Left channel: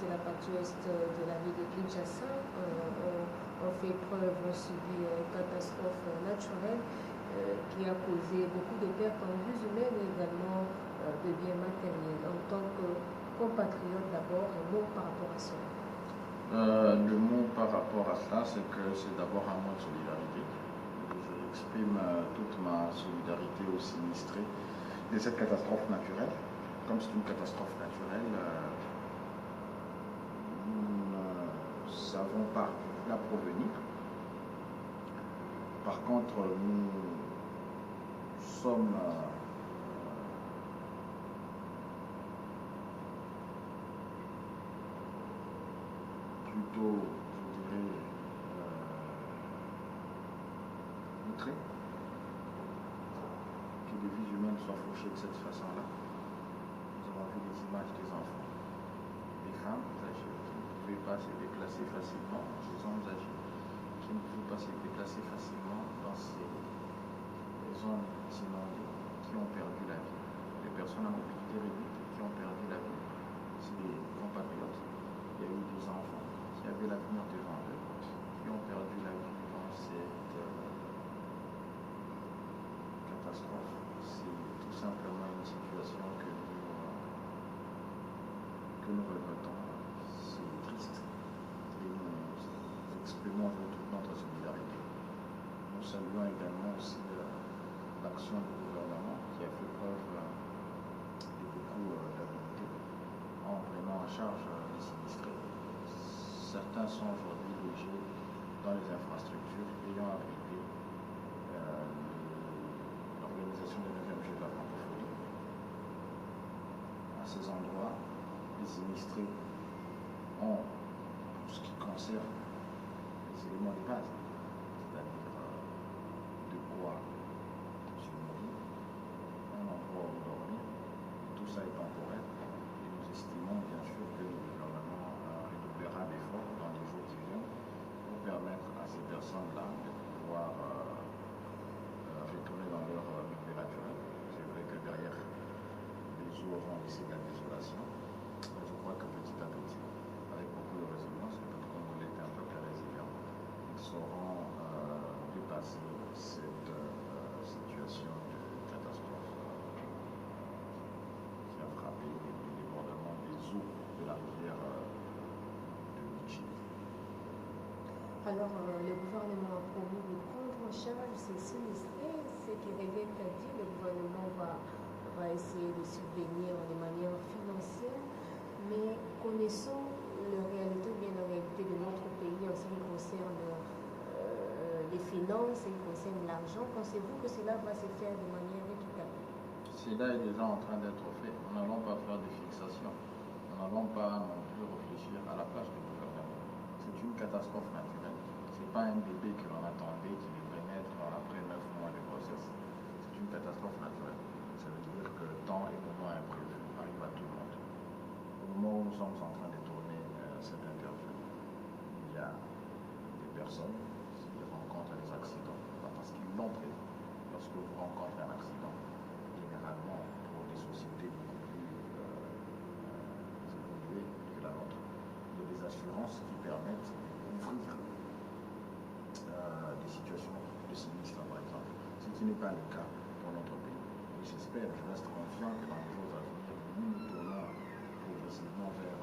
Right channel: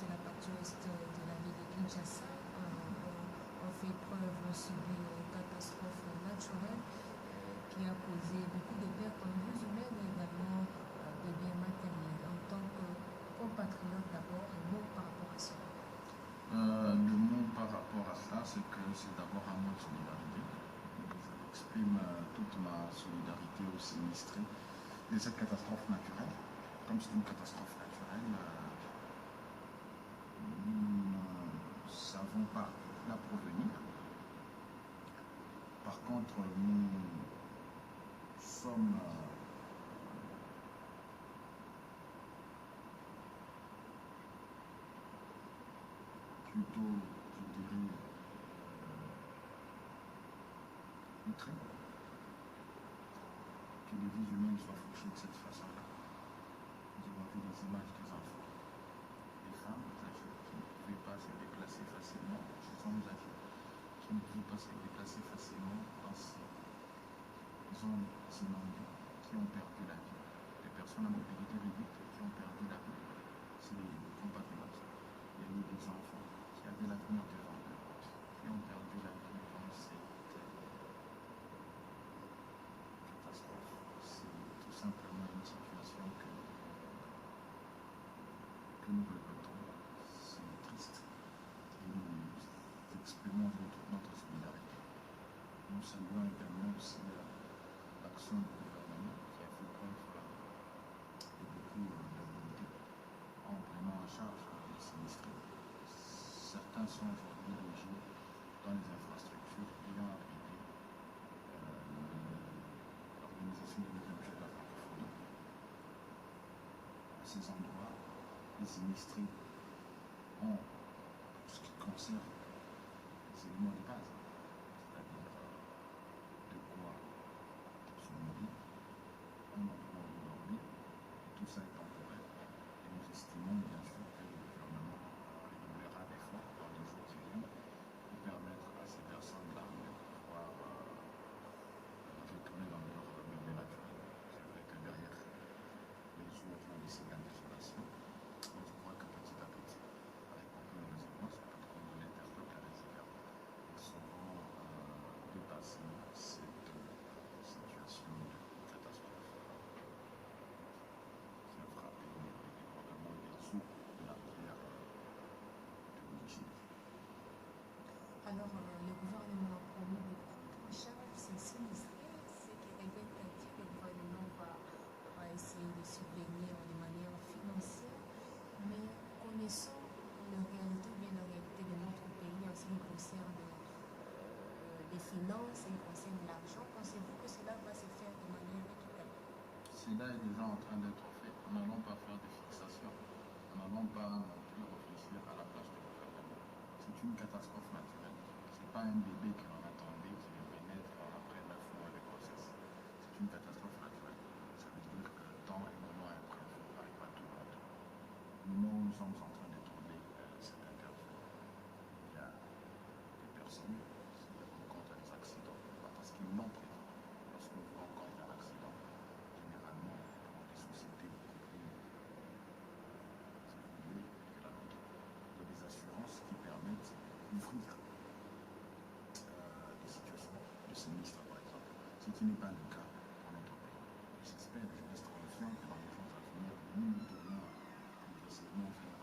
de la partie ouest de la ville de Kinshasa ont fait preuve, ont subi une catastrophe naturelle qui a causé beaucoup de pertes en vies humaines et également de biens matériels. En tant que compatriote, d'abord, un mot par rapport à cela. Le mot par rapport à cela, c'est que c'est d'abord un mot de solidarité. J'exprime toute ma solidarité aux sinistrés de cette catastrophe naturelle. Comme c'est une catastrophe naturelle, nous ne savons pas la provenir. Par contre, nous sommes plutôt, je dirais, outrés que les vies humaines soient fauchées de cette façon-là. Nous avons vu des images des enfants, des femmes âgées qui ne pouvaient pas se déplacer facilement, des hommes âgés qui ne pouvaient pas se déplacer facilement dans ces zones inondées, qui ont perdu la vie, des personnes à mobilité réduite qui ont perdu la vie. C'est des compatriotes. Il y a eu des enfants qui avaient l'avenir devant eux, qui ont perdu la vie dans cette catastrophe. C'est tout simplement une situation que nous regrettons. C'est triste et nous exprimons toute notre solidarité. Nous saluons également aussi l'action du gouvernement qui a fait preuve de beaucoup d'habileté en prenant en charge les sinistrés. Certains sont aujourd'hui logés dans les infrastructures ayant abrité l'organisation des 9e Jeux de la francophonie. À ces endroits, les sinistrés ont, pour ce qui concerne les éléments de base, c'est-à-dire de quoi se nourrir, un endroit où dormir, et tout ça est temporaire. Et nous estimons bien sûr que le gouvernement redoublera d'efforts dans les jours qui viennent pour permettre à ces personnes-là de pouvoir retourner dans leur milieu naturel. C'est vrai que derrière, les eaux auront laissé de la désolation, mais je crois que petit à petit, avec beaucoup de résilience, peut-être qu'on voulait être un peu plus résilient, ils sauront dépasser cette situation de catastrophe qui a frappé le débordement des eaux de la rivière de Michi. Alors, le gouvernement a promis de prendre en charge ces sinistrés. Ce qui revient à dire, le gouvernement va essayer de subvenir de manière financière, mais connaissons la réalité, bien la réalité de notre pays en ce qui concerne les finances, en ce qui concerne l'argent. Pensez-vous que cela va se faire de manière équitable? Cela est déjà en train d'être fait. Nous n'allons pas faire des fixations. Nous n'allons pas non plus réfléchir à la place du gouvernement. C'est une catastrophe naturelle. Ce n'est pas un bébé que l'on attendait qui devrait naître après 9 mois de grossesse. C'est une catastrophe naturelle. Ça veut dire que temps et moment imprévu arrivent à tout le monde. Au moment où nous sommes en train de tourner cette interview, il y a des personnes qui rencontrent des accidents parce qu'ils l'ont prévu. Lorsque vous rencontrez un accident, généralement pour des sociétés beaucoup plus évoluées que la nôtre, il y a des assurances qui permettent de couvrir des situations de sinistre, par exemple, ce qui n'est pas le cas dans notre pays. Et j'espère, je reste confiant que dans les jours à venir, nous nous tournons progressivement vers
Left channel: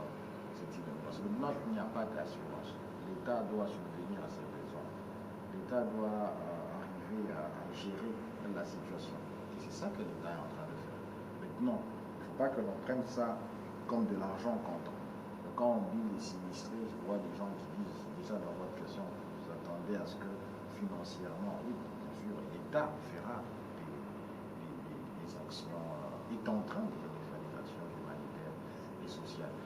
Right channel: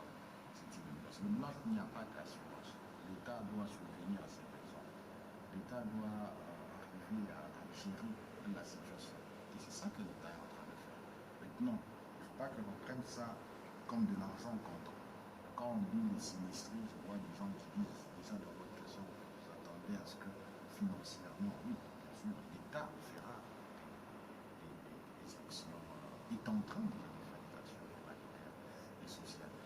cette idée. Parce que notre, il n'y a pas d'assurance. L'État doit subvenir à ses besoins. L'État doit arriver à gérer la situation. Et c'est ça que l'État est en train de faire. Maintenant, il ne faut pas que l'on prenne ça comme de l'argent comptant. Quand on dit les sinistrés, je vois des gens qui disent, déjà dans votre question, vous attendez à ce que financièrement, oui, bien sûr, l'État fera des actions, est en train de faire des actions humanitaires et sociales.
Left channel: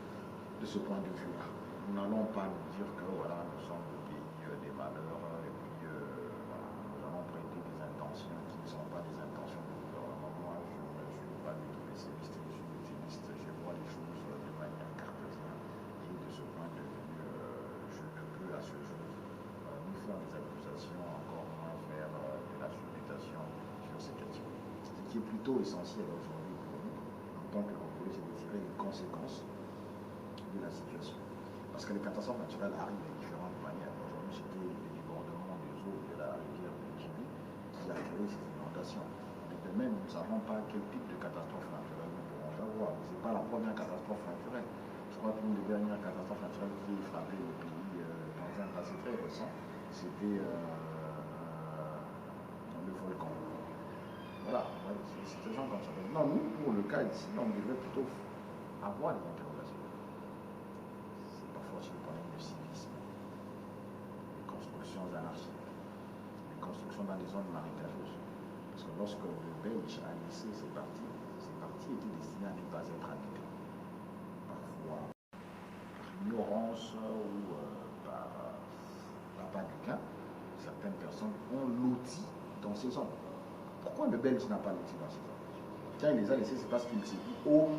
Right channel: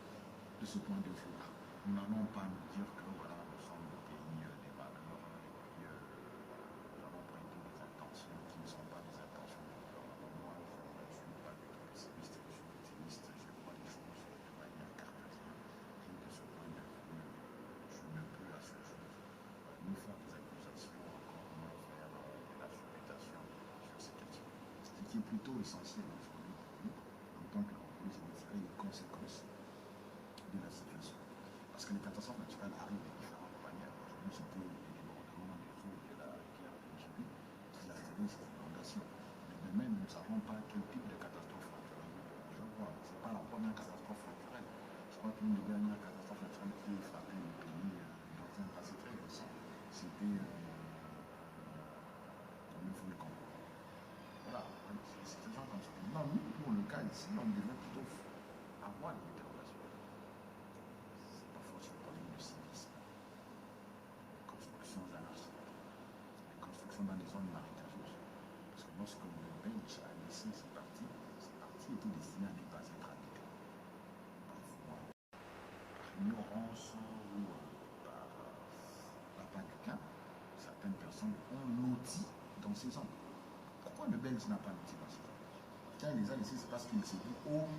De ce point de vue-là, nous n'allons pas nous dire que voilà, nous sommes le pays des malheurs et puis voilà, nous allons prêter des intentions qui ne sont pas des intentions du gouvernement. Moi, je ne suis pas du tout pessimiste, je suis optimiste, je vois les choses de manière cartésienne et de ce point de vue, je ne peux à ce jour ni faire des accusations, encore moins faire de la supputation sur ces questions. Ce qui est plutôt essentiel aujourd'hui pour nous, en tant que Congolais, c'est de tirer les conséquences de la situation. Parce que les catastrophes naturelles arrivent de différentes manières. Aujourd'hui, c'était le débordement des eaux de la rivière de Djibouti qui a créé ces inondations. Mais de même, nous ne savons pas quel type de catastrophe naturelle nous pourrons avoir. Ce n'est pas la première catastrophe naturelle. Je crois qu'une des dernières catastrophes naturelles qui a frappé le pays dans un passé très récent, c'était le volcan. Voilà, c'est des gens comme ça. Non, nous, pour le cas ici, on devrait plutôt avoir des interrogations. C'est parfois sur le problème du civisme, les constructions anarchiques, les constructions dans des zones marécageuses. Parce que lorsque le Belge a laissé ces parties étaient destinées à ne pas être habitées. Parfois, ignorance ou par du gain, certaines personnes ont loti dans ces zones. Pourquoi le Belge n'a pas loti dans ces zones? Quand il les a laissés, c'est parce qu'il s'est dit, au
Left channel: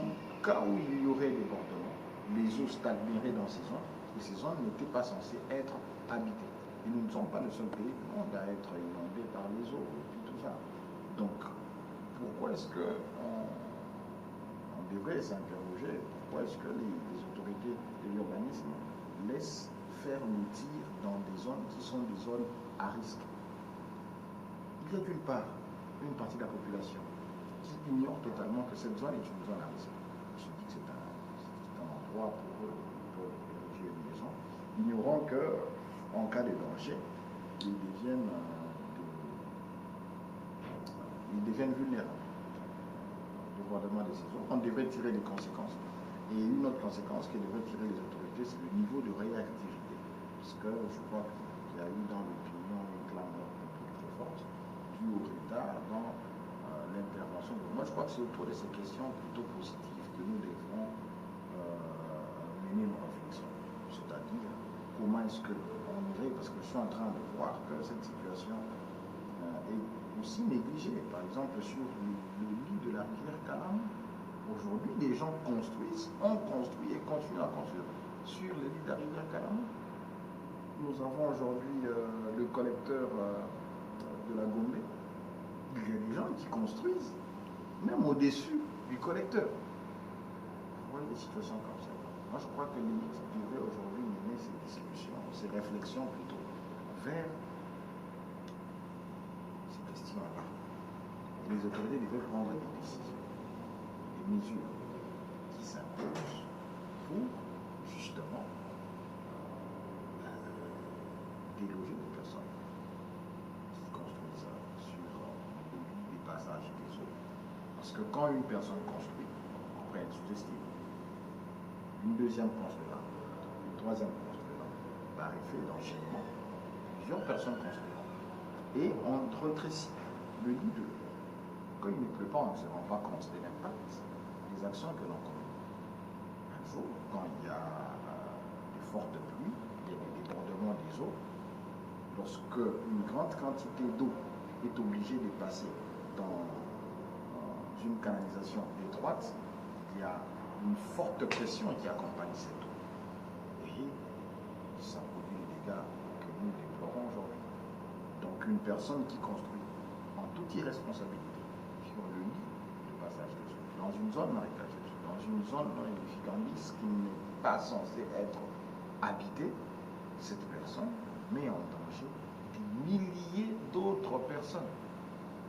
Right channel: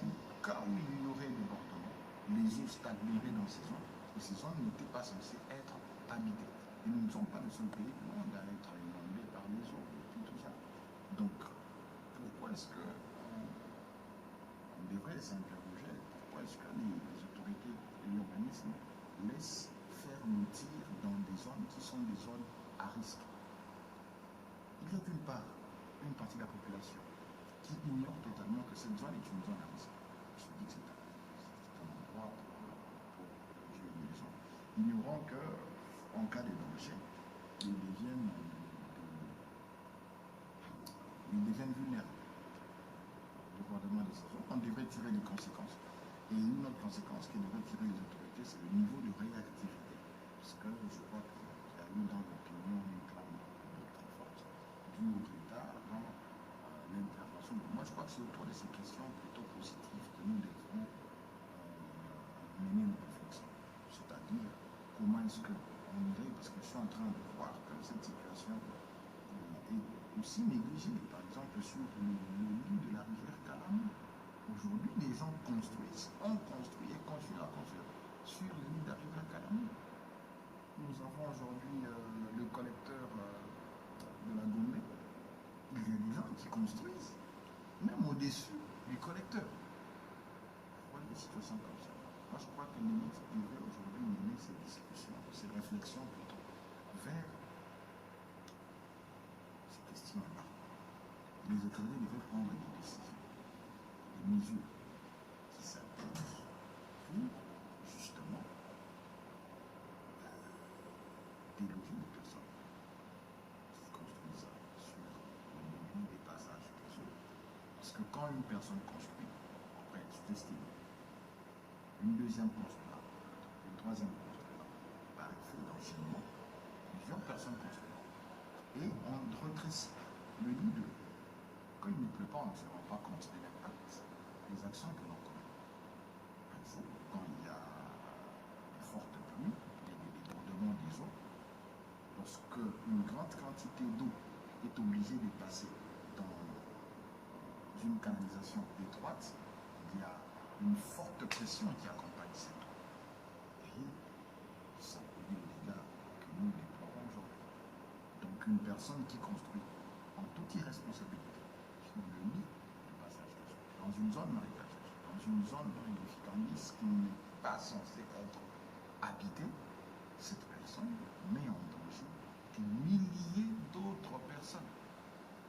cas où il y aurait des débordements, les eaux stagneraient dans ces zones, et ces zones n'étaient pas censées être habitées. Et nous ne sommes pas le seul pays du monde à être inondé par les eaux et puis tout ça. Donc, pourquoi est-ce qu'on devrait s'interroger, pourquoi est-ce que les autorités de l'urbanisme laissent faire le tir dans des zones qui sont des zones à risque? Il y a d'une part une partie de la population qui ignore totalement que cette zone est une zone à risque. On se dit que c'est un endroit pour eux, ils peuvent ériger une maison, ignorant qu'en cas de danger, ils deviennent vulnérables. Le débordement des saisons, on devrait tirer des conséquences. Et une autre conséquence que devraient tirer les autorités, c'est le niveau de réactivité. Parce que je crois qu'il y a eu dans l'opinion une clameur publique très forte due au retard dans l'intervention. Moi, je crois que c'est autour de ces questions plutôt positives que nous devrons mener nos réflexions. C'est-à-dire, comment est-ce qu'on irait, parce que je suis en train de voir que cette situation est aussi négligée. Par exemple, sur le lit de la rivière Calamou. Aujourd'hui, les gens construisent, ont construit et continuent à construire sur le lit de la rivière Calamou. Nous avons aujourd'hui le collecteur de la Gombe. Il y a des gens qui construisent, même au-dessus du collecteur. Vous voyez des situations comme ça. Moi, je crois que l'élite devrait aujourd'hui mener ces discussions, ces réflexions plutôt, vers ces questions-là. Et les autorités devraient prendre des décisions, des mesures qui s'imposent pour justement déloger les personnes qui construisent sur le lit des passages des eaux. Parce que quand une personne construit, après elle sous-estime, une deuxième construira, une troisième construira, par effet d'enchaînement, plusieurs personnes construiront. Et on rétrécit le lit de l'eau. Quand il ne pleut pas, on ne se rend pas compte de l'impact des actions que l'on commet. Un jour, quand il y a de fortes pluies, il y a des débordements des eaux, lorsque une grande quantité d'eau est obligée de passer dans une canalisation étroite, il y a une forte pression qui accompagne cette eau. Et ça produit les dégâts que nous déplorons aujourd'hui. Donc une personne qui construit en toute irresponsabilité sur le lit de passage des eaux, dans une zone marécageuse, dans une zone non édificante qui n'est pas censée être habitée, cette personne met en danger des milliers d'autres personnes.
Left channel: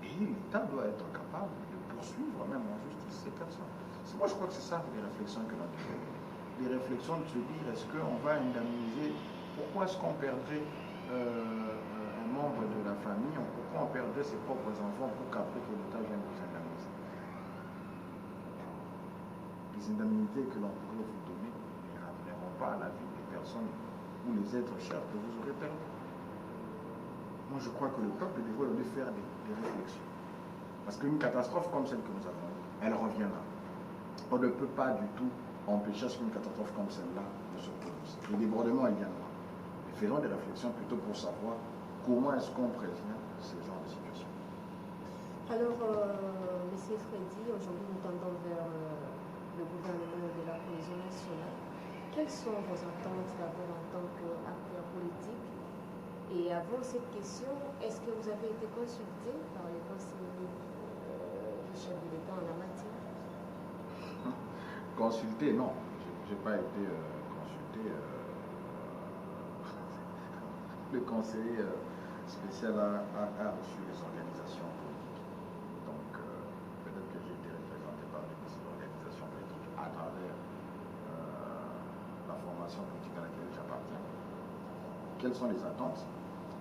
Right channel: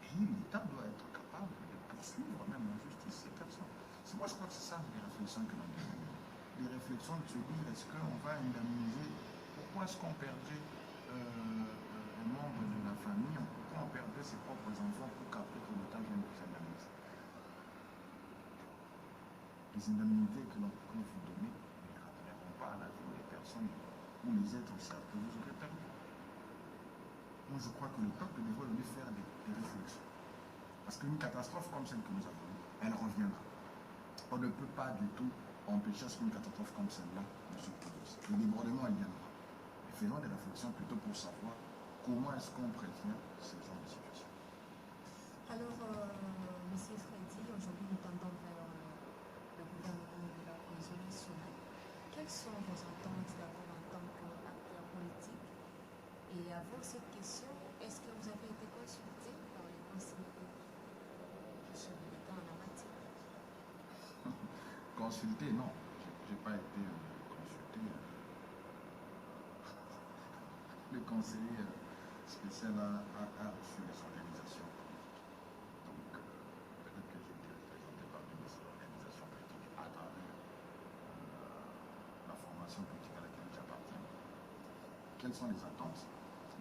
Et l'État doit être capable de poursuivre même en justice ces personnes. Moi, je crois que c'est ça les réflexions que l'on devrait mener. Des réflexions de se dire, est-ce qu'on va indemniser? Pourquoi est-ce qu'on perdrait un membre de la famille? Pourquoi on perdrait ses propres enfants pour qu'après que l'État vienne vous indemniser? Les indemnités que l'on pourrait vous donner ne ramèneront pas à la vie des personnes ou les êtres chers que vous aurez perdus. Moi, je crois que le peuple devrait faire des réflexions. Parce qu'une catastrophe comme celle que nous avons, elle reviendra. On ne peut pas du tout empêcher qu'une catastrophe comme celle-là ne se produise. Les débordements, il y en aura. Mais faisons des réflexions plutôt pour savoir comment est-ce qu'on prévient ces genres de situations. Alors, M. Freddy, aujourd'hui nous tendons vers le gouvernement de la cohésion nationale. Quelles sont vos attentes d'abord en tant qu'acteur politique? Et avant cette question, est-ce que vous avez été consulté par les conseillers du chef de l'État en la matière? Consulté, non. Je n'ai pas été écouté le conseiller spécial a reçu les organisations politiques. Donc, peut-être que j'ai été représenté par une de ces organisations politiques à travers la formation politique à laquelle j'appartiens. Quelles sont les attentes?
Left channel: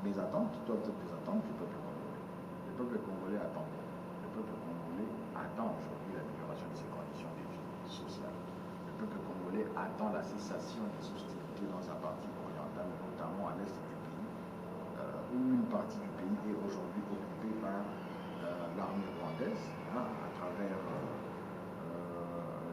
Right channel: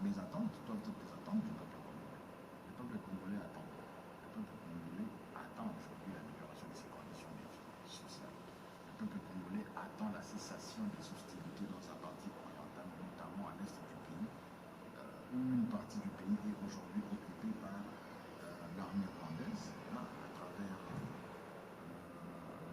Mes attentes doivent être des attentes du peuple congolais. Le peuple congolais attend. Le peuple congolais attend aujourd'hui l'amélioration de ses conditions de vie sociale. Le peuple congolais attend la cessation des hostilités dans sa partie orientale, notamment à l'est du pays, où une partie du pays est aujourd'hui occupée par l'armée rwandaise, hein, à travers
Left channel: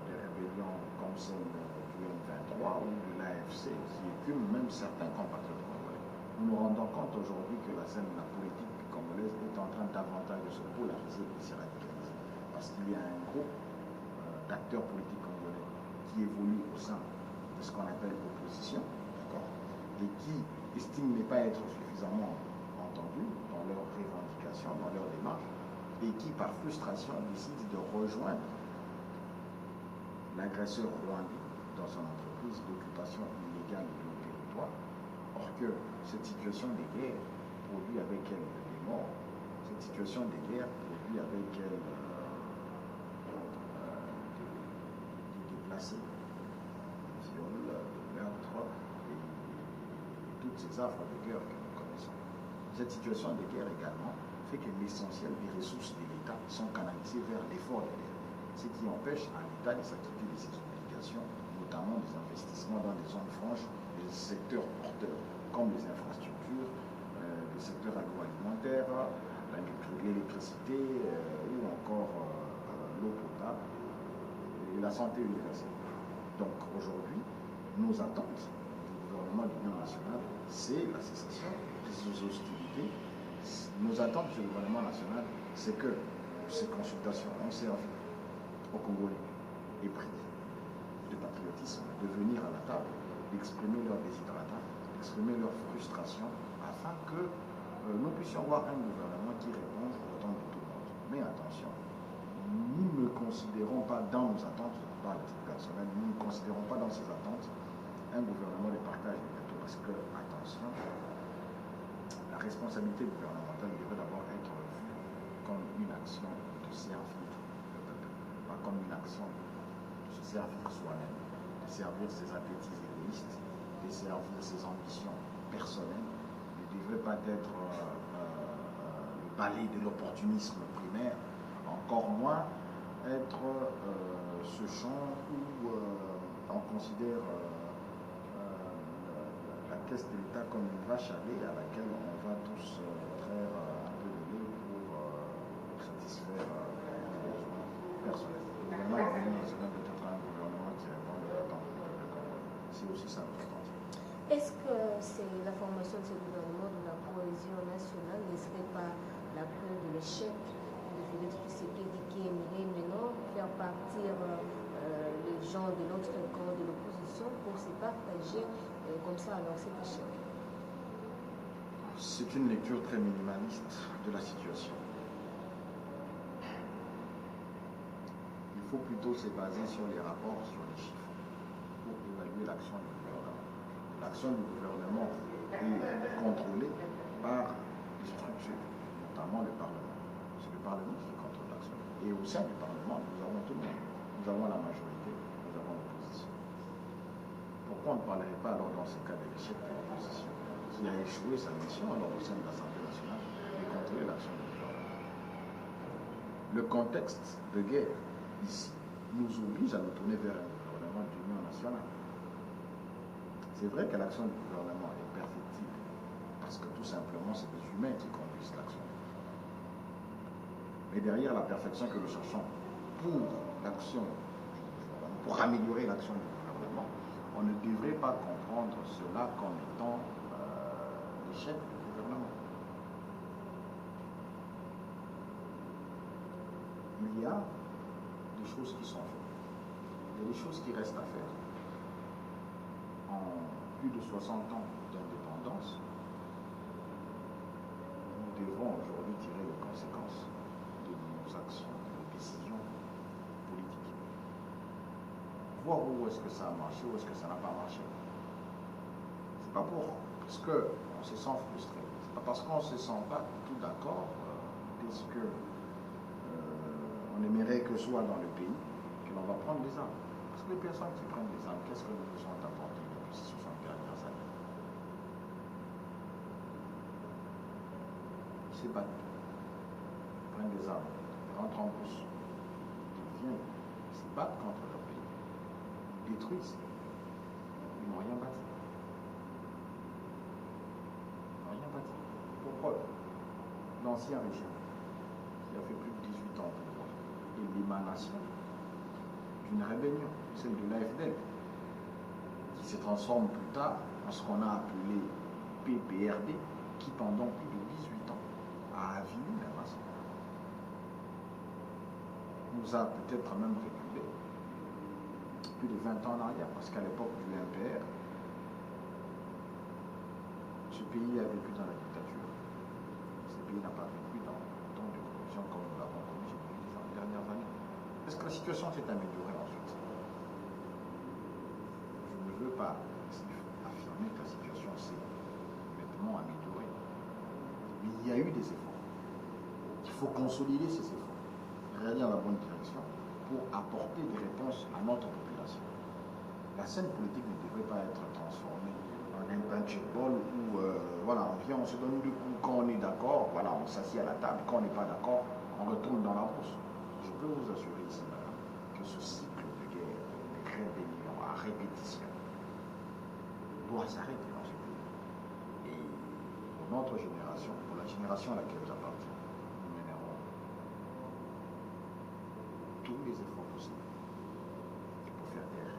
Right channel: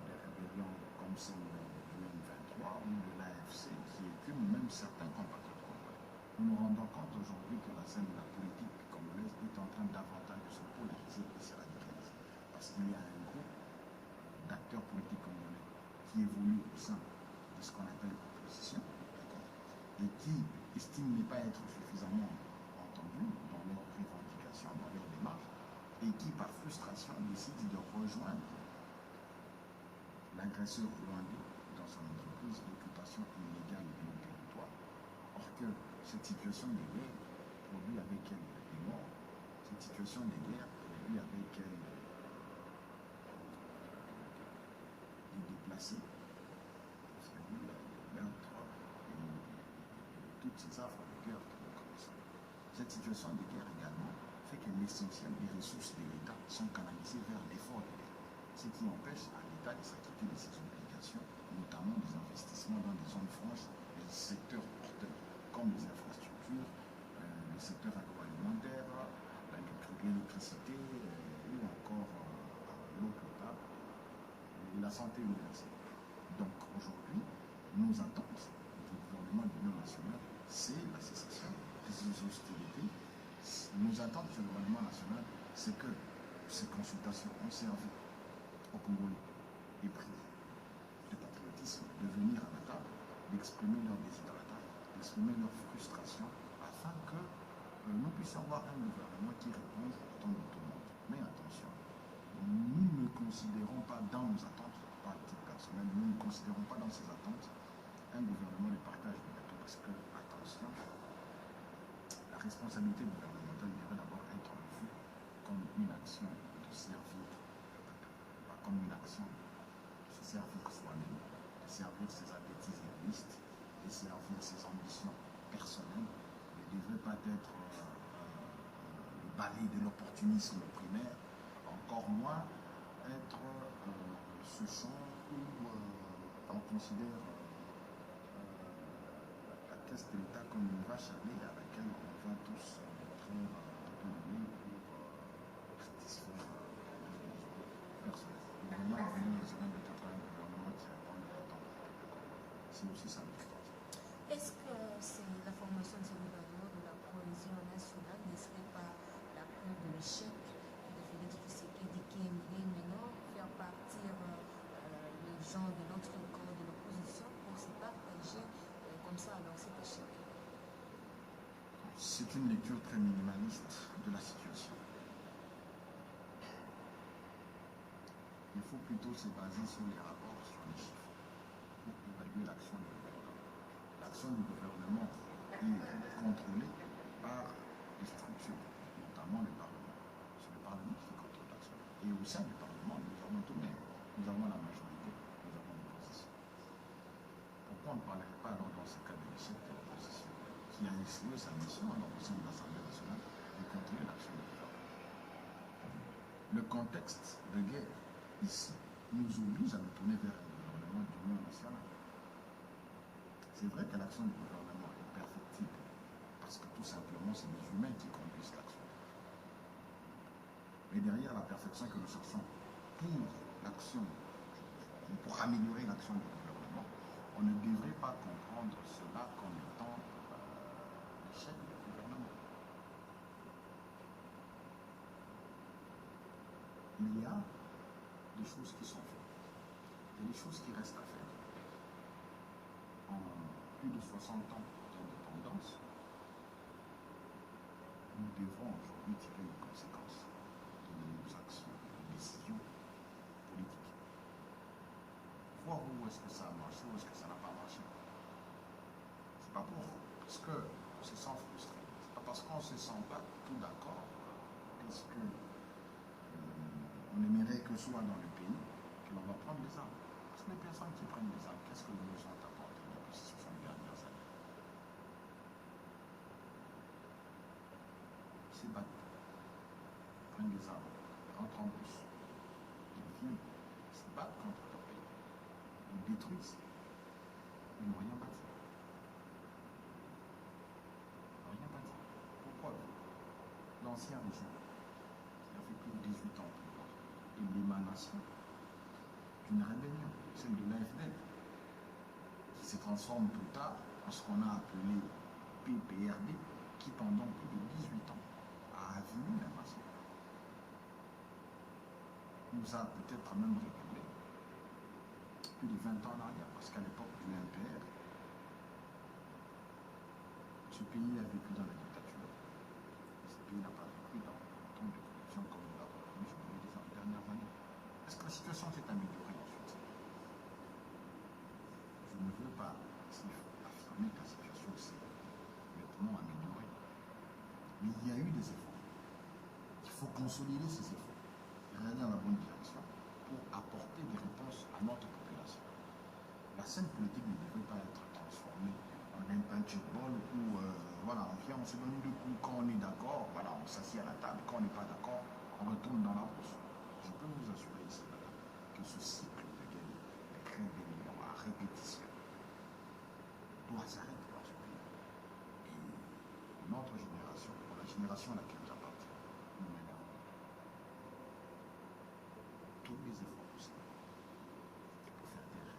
des rébellions comme celle du M23 ou de l'AFC, qui écument même certains compatriotes congolais. Nous nous rendons compte aujourd'hui que la scène de la politique congolaise est en train davantage de se polariser et se radicaliser. Parce qu'il y a un groupe d'acteurs politiques congolais qui évoluent au sein de ce qu'on appelle l'opposition, et qui estiment ne pas être suffisamment entendus dans leurs revendications, dans leur démarche, et qui, par frustration, décident de rejoindre l'agresseur rwandais dans son entreprise d'occupation illégale de nos territoires. Or que cette situation de guerre produit avec elle des morts, cette situation de guerre produit avec elle des déplacés, des viols, des meurtres et toutes ces affres de guerre que nous connaissons. Cette situation de guerre également fait que l'essentiel des ressources de l'État sont canalisées vers l'effort de guerre, ce qui empêche à l'État de s'acquitter de ses obligations, notamment des investissements dans des zones franches, des secteurs porteurs, comme les infrastructures, le secteur agroalimentaire, l'électricité ou encore l'eau potable et la santé universelle. Donc aujourd'hui, nos attentes du gouvernement de l'Union nationale, c'est la cessation de ces hostilités. Nos attentes du gouvernement national, c'est que ces consultations ont servi aux Congolais et pris de patriotisme de venir à la table, d'exprimer leur déshydratat, d'exprimer leur frustration, afin que nous puissions avoir un gouvernement qui réponde aux attentes de tout le monde. Mais attention, nous ne considérons pas dans nos attentes, par le titre personnel, nous ne considérons pas dans ces attentes un gouvernement de partage de plutôt, parce que, attention, la responsabilité gouvernementale devrait d'abord être vue comme une action de servir le peuple, pas comme une action de se servir soi-même, de servir ses appétits égoïstes et servir ses ambitions personnelles, ne devrait pas être le balai de l'opportunisme primaire, encore moins être ce champ où on considère la caisse de l'État comme une vache à lait à laquelle on va tous traire un peu de lait pour satisfaire les besoins personnels. Le gouvernement de l'Union nationale doit être un gouvernement qui répond aux attentes du peuple congolais. C'est aussi ça notre attente. Est-ce que c'est la formation de ce gouvernement de la cohésion nationale ne serait pas la preuve de l'échec de Félix Tshisekedi qui aimerait maintenant faire partir les gens de l'autre camp de l'opposition pour se partager comme ça alors cet échec? C'est une lecture très minimaliste de la situation. Il faut plutôt se baser sur les rapports, sur les chiffres, pour évaluer l'action du gouvernement. L'action du gouvernement est contrôlée par des structures, notamment le Parlement. C'est le Parlement qui contrôle l'action. Et au sein du Parlement, nous avons tout le monde. Nous avons la majorité, nous avons l'opposition. Pourquoi on ne parlerait pas alors dans ce cas de l'échec de l'opposition, qui a échoué sa mission alors au sein de l'Assemblée nationale de contrôler l'action du gouvernement? Le contexte de guerre ici nous oblige à nous tourner vers un gouvernement d'union nationale. C'est vrai que l'action du gouvernement est perfectible, parce que tout simplement, c'est des humains qui conduisent l'action. Mais derrière la perfection que nous cherchons pour l'action du gouvernement, pour améliorer l'action du gouvernement, on ne devrait pas comprendre cela comme étant l'échec du gouvernement. Il y a des choses qui sont faites. Il y a des choses qui restent à faire. En plus de 60 ans d'indépendance, nous devons aujourd'hui tirer les conséquences de nos actions, de nos décisions politiques. Voir où est-ce que ça a marché, où est-ce que ça n'a pas marché. C'est pas pour parce qu'on se sent frustré. C'est pas parce qu'on ne se sent pas tout d'accord qu'est-ce que on aimerait que soit dans le pays que l'on va prendre des armes. Parce que les personnes qui prennent des armes, qu'est-ce que nous nous ont apporté depuis ces 60 dernières années? Ils se battent, ils prennent des armes, ils rentrent en bourse, ils viennent, ils se battent contre leur pays, ils détruisent, ils n'ont rien bâti. Ils n'ont rien bâti. Pour preuve, l'ancien régime, qui a fait plus de 18 ans pour moi, est l'émanation d'une rébellion, celle de l'AFDL, qui se transforme plus tard en ce qu'on a appelé PPRD, qui pendant plus de 18 ans a avini la nation. Nous a peut-être même reculé plus de 20 ans en arrière, parce qu'à l'époque du MPR, ce pays a vécu dans la dictature. Ce pays n'a pas vécu dans tant de corruption comme nous l'avons connu ces dernières années. Est-ce que la situation s'est améliorée ensuite? Je ne veux pas affirmer que la situation s'est nettement améliorée. Mais il y a eu des efforts. Il faut consolider ces efforts, aller dans la bonne direction pour apporter des réponses à notre population. La scène politique ne devrait pas être transformée en un punchball où voilà, on vient, on se donne des coups quand on est d'accord, voilà, on s'assied à la table, quand on n'est pas d'accord, on retourne dans la bourse. Je peux vous assurer ici, madame, que ce cycle de guerre, de rébellion à répétition, doit s'arrêter dans ce pays. Et pour notre génération, pour la génération à laquelle j'appartiens, nous mènerons tous les efforts possibles pour faire taire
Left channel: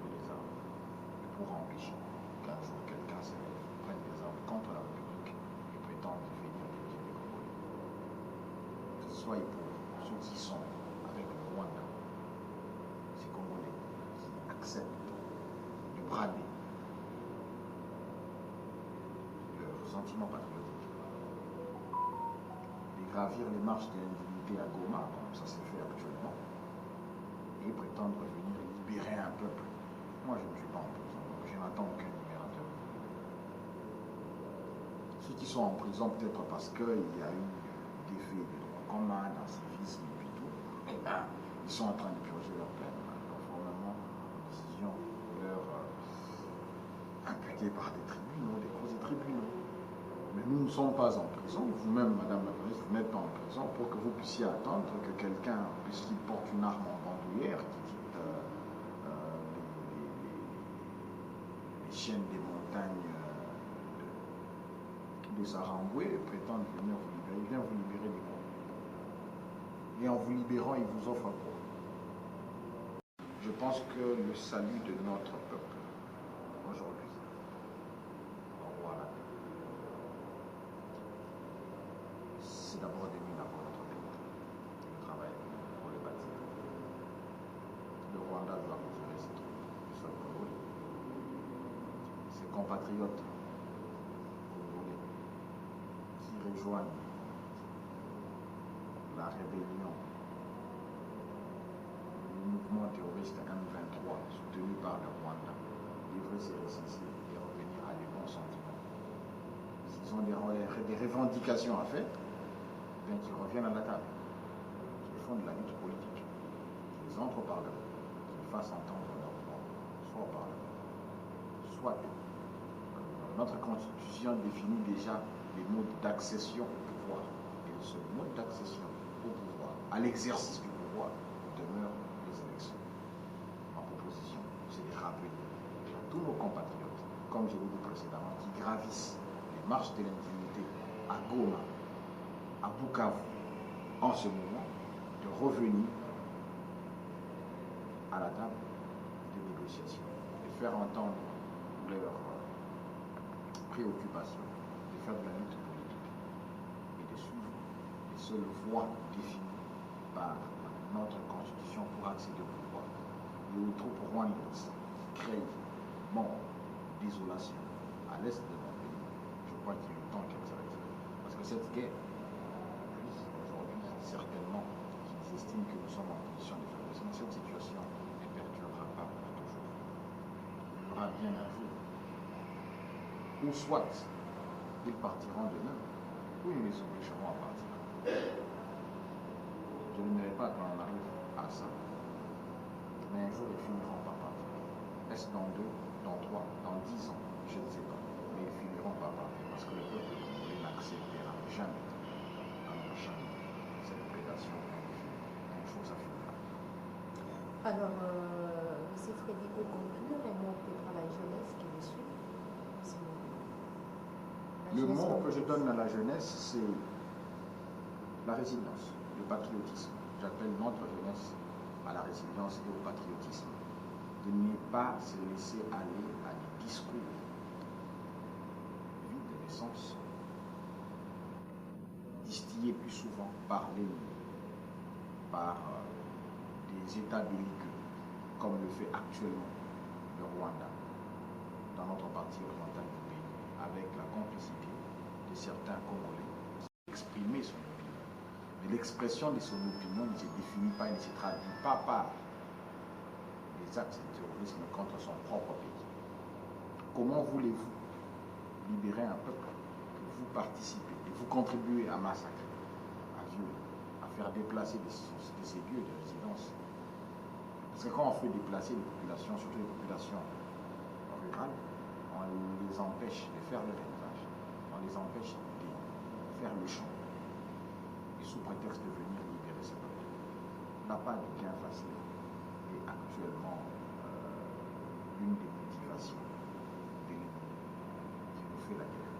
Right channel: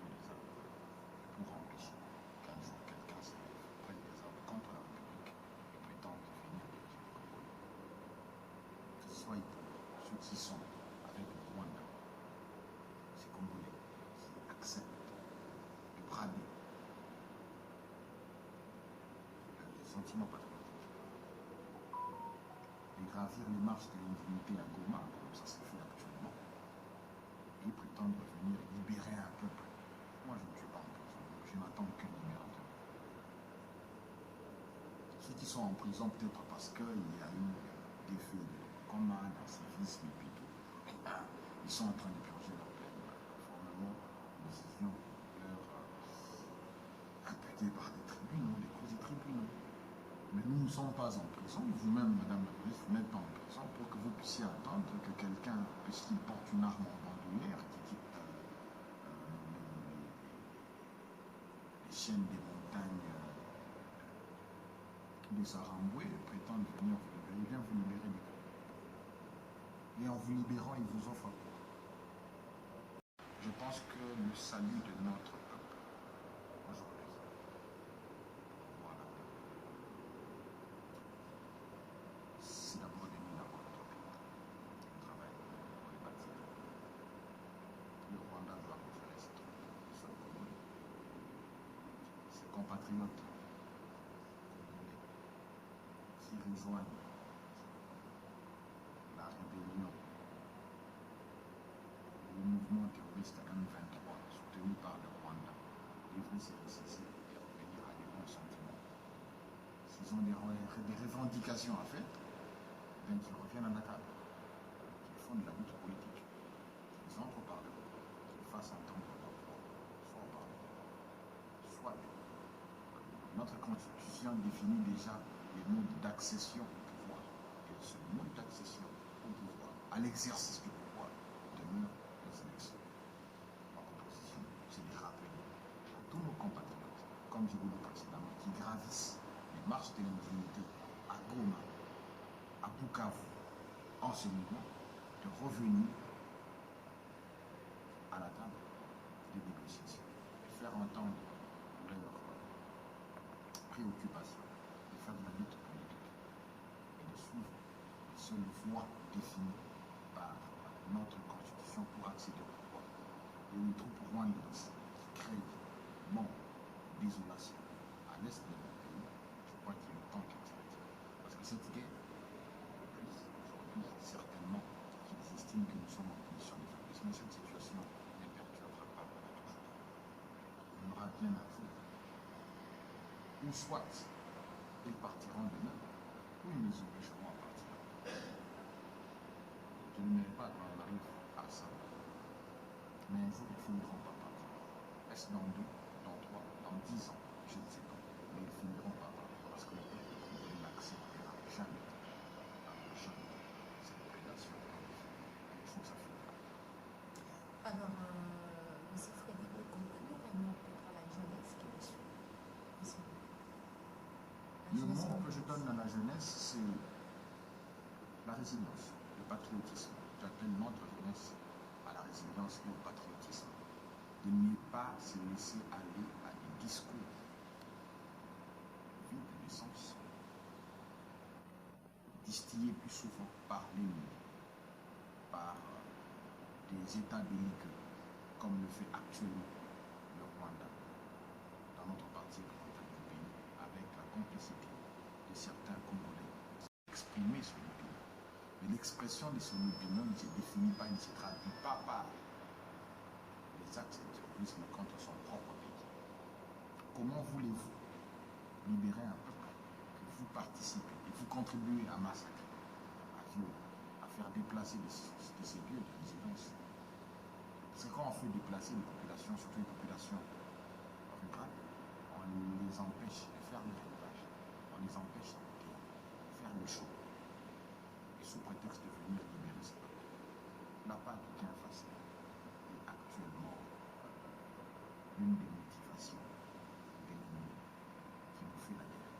tous les armes et pour empêcher qu'un jour quelqu'un se lève, prenne des armes contre la République et prétende devenir président du Congo. Que ce soit pour ceux qui sont avec le Rwanda, ces Congolais qui acceptent de brader leurs sentiments patriotiques, de gravir les marches de l'indignité à Goma, comme ça se fait actuellement, et prétendre venir libérer un peuple. Moi, je ne suis pas en prison, donc je n'attends aucun libérateur. Ceux qui sont en prison, peut-être parce qu'il y a eu des faits de droit commun, d'incivisme et puis tout, eh ben, ils sont en train de purger leur peine, conformément aux décisions leur imputées par des tribunaux, des causes des tribunaux. Mais nous ne sommes pas en prison. Vous-même, Madame la Présidente, vous n'êtes pas en prison pour que vous puissiez attendre que quelqu'un, puisqu'il porte une arme en bandoulière, qui quitte les chaînes des montagnes de Saramboué, prétende venir vous libérer. Il vient vous libérer de quoi? Et en vous libérant, il vous offre quoi? Je pense que le salut de notre peuple aujourd'hui, voilà, c'est d'abord de l'huile pour notre pays, le travail pour le bâtir. Le Rwanda doit retirer ses troupes du sol congolais. Ses compatriotes congolais qui rejoignent la rébellion, le mouvement terroriste M23 soutenu par le Rwanda, devraient se ressaisir et revenir à des bons sentiments. S'ils ont des revendications à faire, bien qu'ils reviennent à la table, qu'ils font de la lutte politique, qu'ils entrent au Parlement, qu'ils fassent entendre leur voix, soit au Parlement, soit notre Constitution définit déjà les modes d'accession au pouvoir. Et le seul mode d'accession au pouvoir, à l'exercice du pouvoir, demeure les élections. Ma proposition, c'est de rappeler à tous nos compatriotes, comme je l'ai dit précédemment, qui gravissent les marches de l'indignité à Goma, à Bukavu, en ce moment, de revenir à la table de négociation, de faire entendre leurs préoccupations, de faire de la lutte politique et de suivre les seules voies définies par notre Constitution pour accéder au pouvoir. Les troupes rwandaises créent mort, désolation à l'est de notre pays. Je crois qu'il est temps qu'elle s'arrête. Parce que cette guerre, oui, aujourd'hui, certainement qu'ils estiment que nous sommes en condition de faiblesse, mais cette situation ne perdurera pas pour toujours. Il y aura bien un jour ou soit ils partiront demain, ou ils les obligeront à partir. Je n'aimerais pas qu'on arrive à ça, mais un jour ils finiront par partir. Est-ce dans 2, dans 3, dans 10 ans? Je ne sais pas. Mais ils finiront par partir parce que le peuple congolais n'acceptera jamais, alors jamais, cette prédation infinie. Un jour ça finira. Alors, M. Freddy peut conclure un mot peut-être à la jeunesse qui le suit en ce moment. Le mot que je donne à la jeunesse, c'est la résilience, le patriotisme. J'appelle notre jeunesse à la résilience et au patriotisme. De ne pas se laisser aller à des discours vides d'essence, distillés plus souvent par l'ennemi, par des États belliqueux, comme le fait actuellement le Rwanda, dans notre partie orientale du pays, avec la complicité de certains Congolais qui exprimaient son opinion. Mais l'expression de son opinion ne se définit pas et ne se traduit pas par les actes de terrorisme contre son propre pays. Comment voulez-vous libérer un peuple que vous participez et vous contribuez à massacrer, à violer, à faire déplacer de ces lieux de résidence? Parce que quand on fait déplacer les populations, surtout les populations rurales, on les empêche de faire leur élevage, on les empêche de faire le champ, et sous prétexte de venir libérer ces peuples. La part du gain facile est actuellement l'une des motivations de l'ennemi qui nous fait la guerre.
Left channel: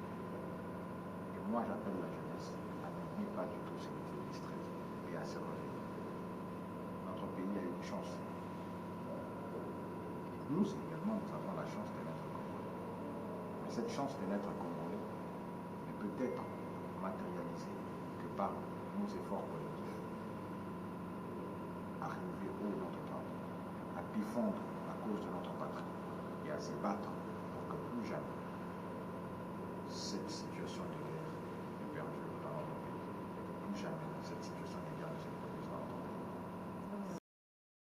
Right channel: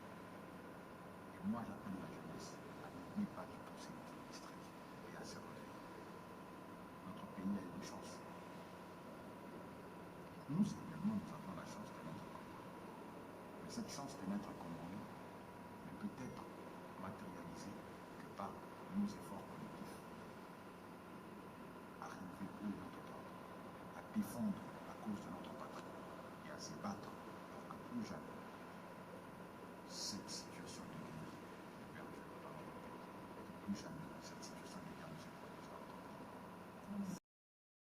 Et moi, j'appelle la jeunesse à ne pas du tout se laisser distraire et à se réveiller. Notre pays a eu une chance. Et nous également, nous avons la chance de naître congolais. Mais cette chance de naître congolais ne peut être matérialisée que par nos efforts collectifs à relever haut notre drapeau, à défendre la cause de notre patrie et à se battre pour que plus jamais cette situation de guerre ne perdure dans notre pays, et que plus jamais cette situation